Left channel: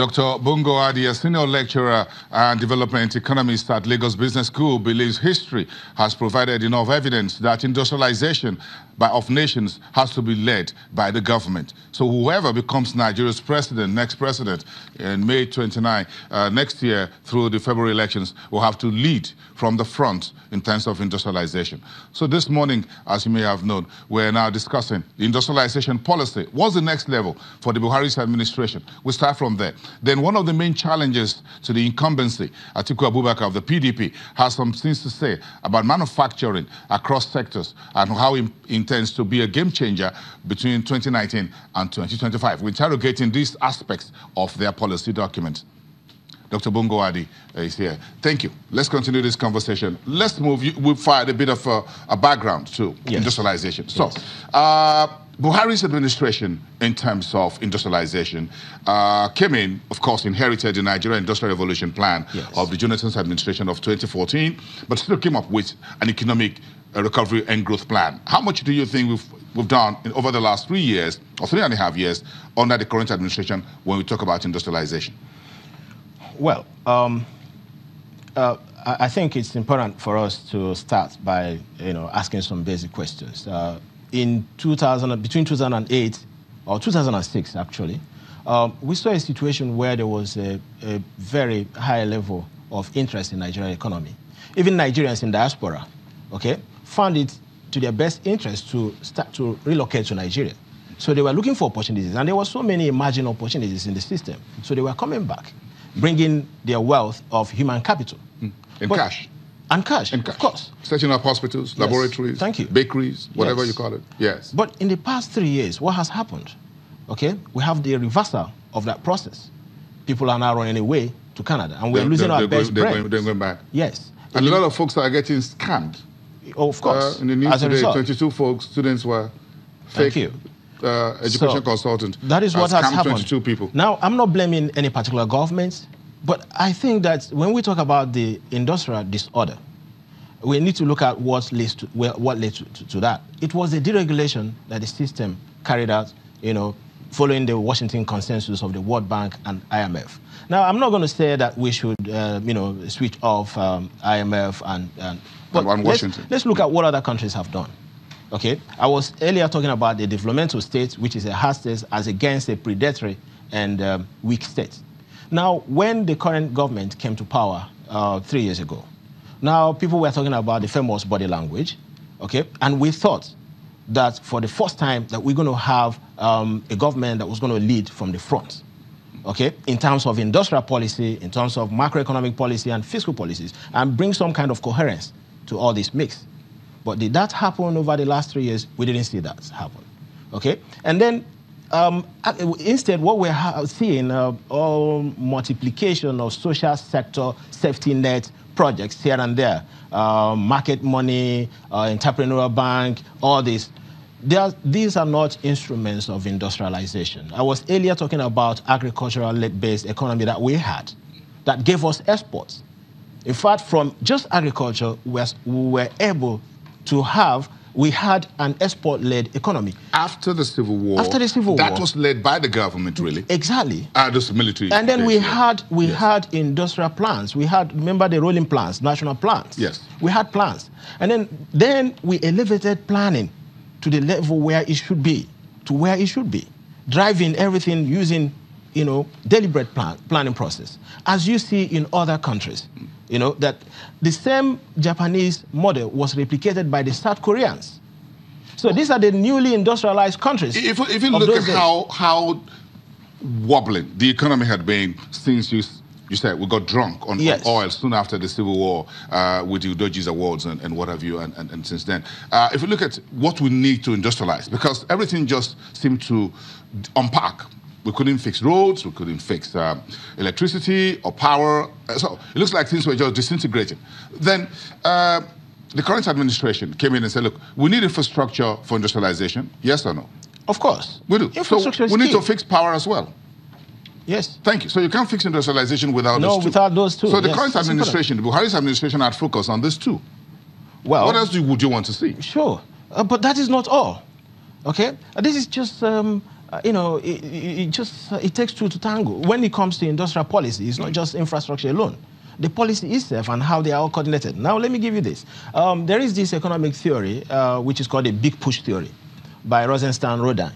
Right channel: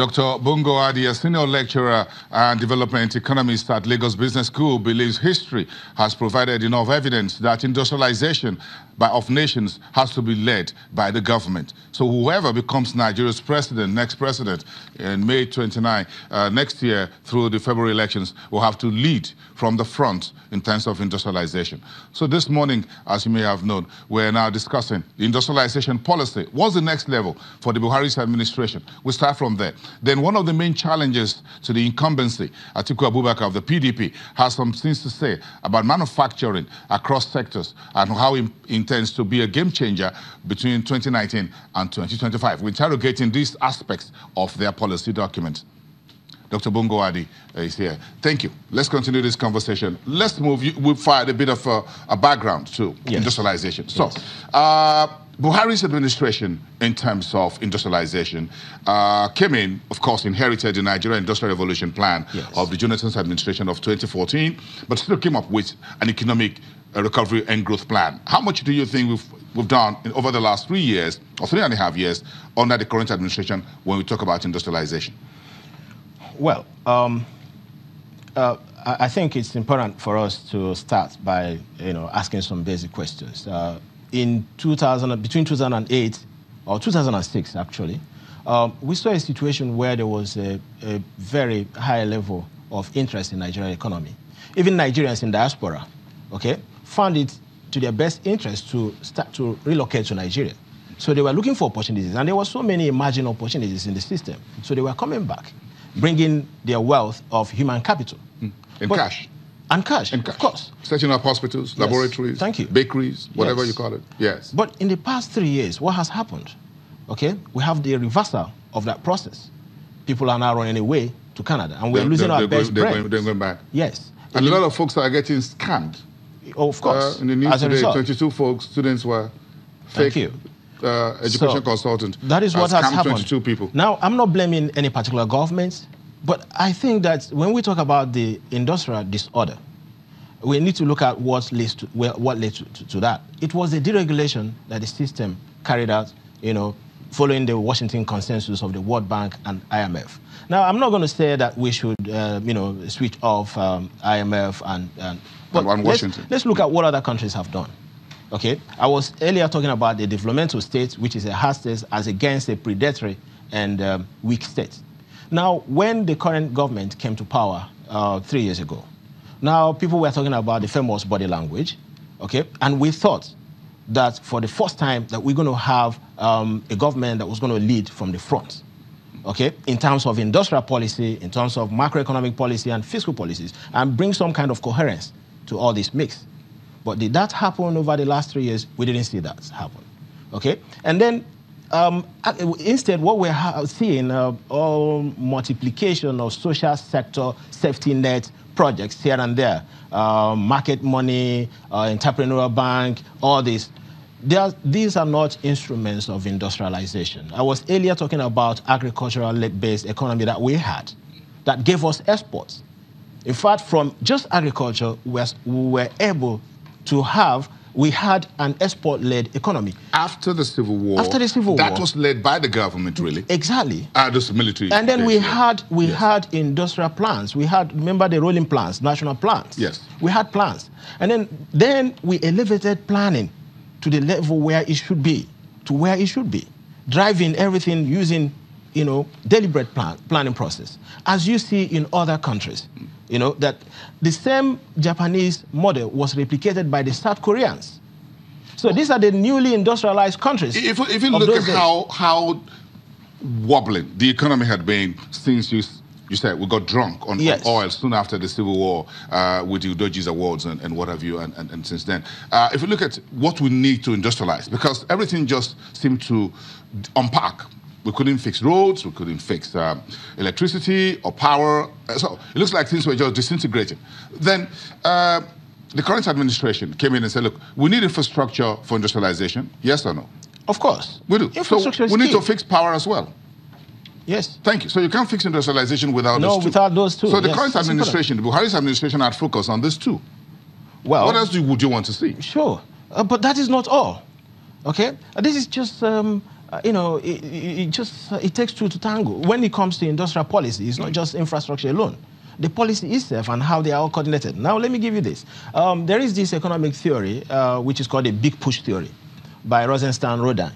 Dr. Bungo Adi, a senior lecturer and development economist at Lagos Business School, believes history has provided enough evidence that industrialization of nations has to be led by the government. So whoever becomes Nigeria's next president in May 29 next year through the February elections will have to lead from the front in terms of industrialization. So this morning, as you may have known, we're now discussing the industrialization policy. What's the next level for the Buhari's administration? We start from there. Then one of the main challenges to the incumbency, Atiku Abubakar of the PDP, has some things to say about manufacturing across sectors and how he intends to be a game changer between 2019 and 2025. We're interrogating these aspects of their policy document. Dr. Bungo Adi is here. Thank you. Let's continue this conversation. Let's move. We've fired a bit of a background to industrialization. So, Buhari's administration, in terms of industrialization, came in, of course, inherited the Nigeria Industrial Revolution plan of the Jonathan's administration of 2014, but still came up with an economic recovery and growth plan. How much do you think we've done over the last 3 years, or 3.5 years, under the current administration when we talk about industrialization? Well, I think it's important for us to start by, asking some basic questions. Between 2008 or 2006, actually, we saw a situation where there was a very high level of interest in the Nigerian economy. Even Nigerians in diaspora, found it to their best interest to start to relocate to Nigeria. So they were looking for opportunities, and there were so many emerging opportunities in the system. So they were coming back, bringing their wealth of human capital. Cash. And cash, of course. Setting up hospitals, laboratories, bakeries, whatever you call it. Yes. But in the past 3 years, what has happened? We have the reversal of that process. People are now running away to Canada, and we're losing our best brains. They're going back. Yes. And a lot of folks are getting scammed. Oh, of course. In the news today, 22 folks, students were fake. Education consultant. That is what has happened. 22 people. Now, I'm not blaming any particular government, but I think that when we talk about the industrial disorder, we need to look at what led to that. It was the deregulation that the system carried out, following the Washington consensus of the World Bank and IMF. Now, I'm not going to say that we should, switch off IMF but Washington. Let's look at what other countries have done. I was earlier talking about the developmental state, which is a hard state as against a predatory and weak state. Now, when the current government came to power 3 years ago, now people were talking about the famous body language, and we thought that for the first time that we're going to have a government that was going to lead from the front, in terms of industrial policy, in terms of macroeconomic policy and fiscal policies, and bring some kind of coherence to all this mix. But did that happen over the last 3 years? We didn't see that happen. And then instead, what we're seeing all multiplication of social sector safety net projects here and there, market money, entrepreneurial bank, all this. These are not instruments of industrialization. I was earlier talking about agricultural-based economy that we had, that gave us exports. In fact, from just agriculture, we were able to we had an export-led economy. After the Civil War. After the Civil War. That was led by the government, really. Exactly. This military. And then we had industrial plans. We had, remember the rolling plans, national plans. Yes. We had plans. And then we elevated planning to the level where it should be, driving everything using, deliberate planning process. As you see in other countries, that the same Japanese model was replicated by the South Koreans. So these are the newly industrialized countries. If you look at how wobbling the economy had been since you said we got drunk on oil soon after the Civil War with the Udoji's Awards and what have you, and since then. If you look at what we need to industrialize, because everything just seemed to unpack. We couldn't fix roads, we couldn't fix electricity or power. So it looks like things were just disintegrating. Then the current administration came in and said, look, we need infrastructure for industrialization. Yes or no? Of course. We do. So we need to fix power as well. Yes. Thank you. So you can't fix industrialization without those two. No, without those two. So the current administration, the Buhari's administration, had focused on this too. Well, what else would you want to see? Sure. But that is not all. This is just it takes two to tango. When it comes to industrial policy, it's not just infrastructure alone. The policy itself and how they are all coordinated. Now, let me give you this. There is this economic theory, which is called a big push theory by Rosenstein-Rodin.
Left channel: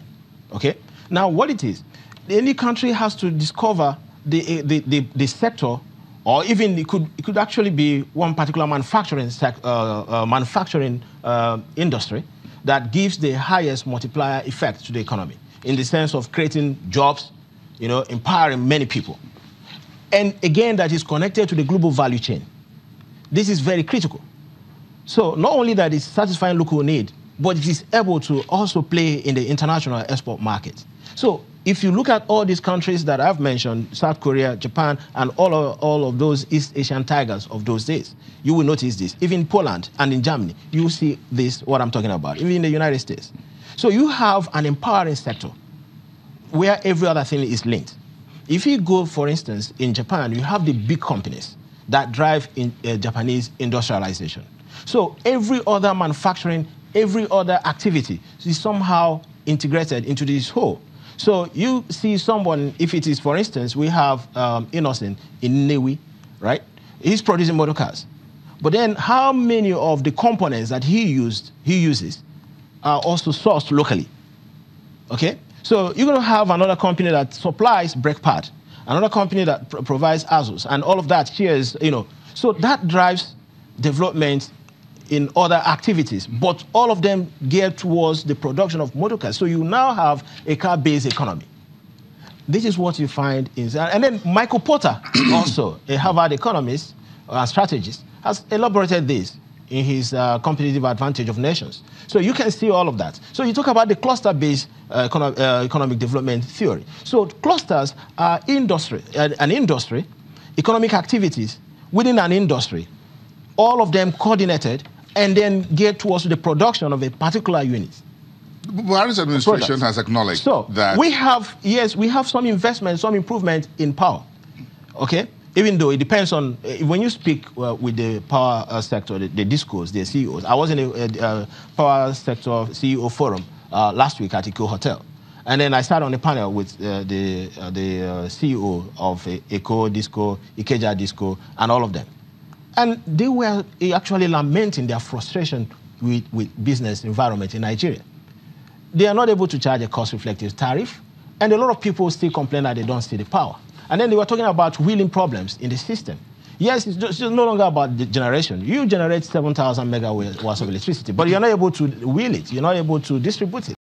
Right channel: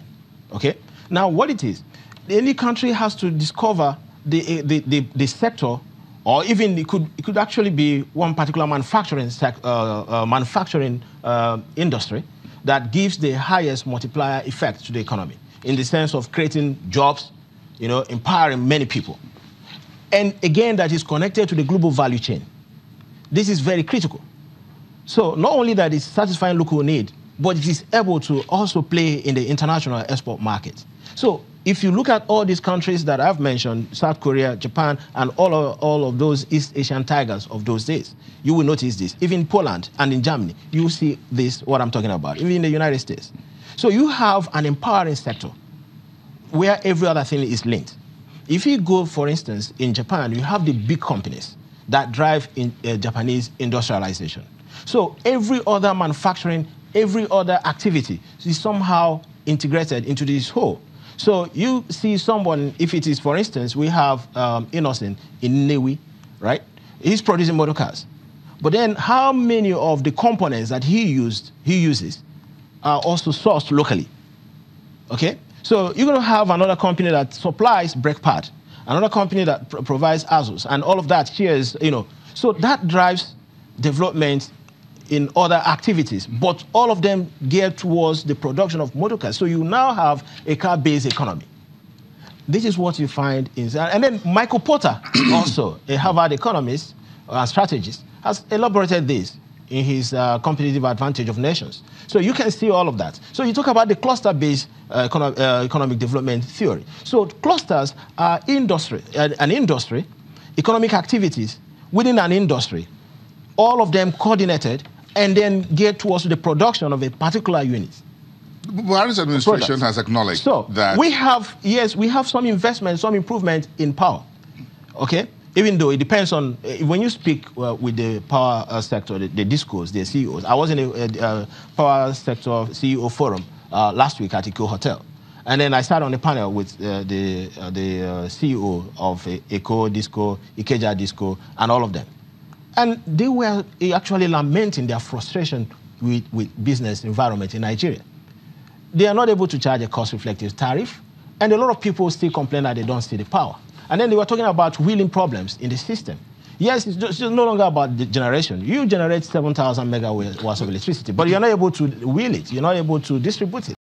Okay? Now, what it is, any country has to discover the sector, or even it could actually be one particular manufacturing industry that gives the highest multiplier effect to the economy in the sense of creating jobs, empowering many people. And again, that is connected to the global value chain. This is very critical. So not only that it's satisfying local need, but it is able to also play in the international export market. So if you look at all these countries that I've mentioned, South Korea, Japan, and all of those East Asian tigers of those days, you will notice this. Even in Poland and in Germany, you see this, what I'm talking about, even in the United States. So you have an empowering sector where every other thing is linked. If you go, for instance, in Japan, you have the big companies that drive Japanese industrialization. So every other manufacturing, every other activity is somehow integrated into this whole. So you see someone, if it is, for instance, we have Innocent in Nnewi, right? He's producing motor cars. But then how many of the components that he uses are also sourced locally? Okay? So you're going to have another company that supplies brake pad, another company that provides ASUS, and all of that shares, So that drives development in other activities, but all of them geared towards the production of motor cars. So you now have a car-based economy. This is what you find in... And then Michael Porter, also a Harvard economist, strategist, has elaborated this in his competitive advantage of nations. So you can see all of that. So you talk about the cluster-based economic development theory. So clusters are an industry, economic activities within an industry, all of them coordinated and then geared towards the production of a particular unit. Buhari's administration has acknowledged that... we have some investment, some improvement in power, okay? Even though it depends on, when you speak with the power sector, the discos, the CEOs. I was in a power sector CEO forum last week at Atiku Hotel. And then I sat on a panel with the CEO of Eco, Disco, Ikeja Disco, and all of them. And they were actually lamenting their frustration with business environment in Nigeria. They are not able to charge a cost-reflective tariff, and a lot of people still complain that they don't see the power. And then they were talking about wheeling problems in the system. Yes, it's just no longer about the generation. You generate 7,000 megawatts of electricity, but you're not able to wheel it. You're not able to distribute it.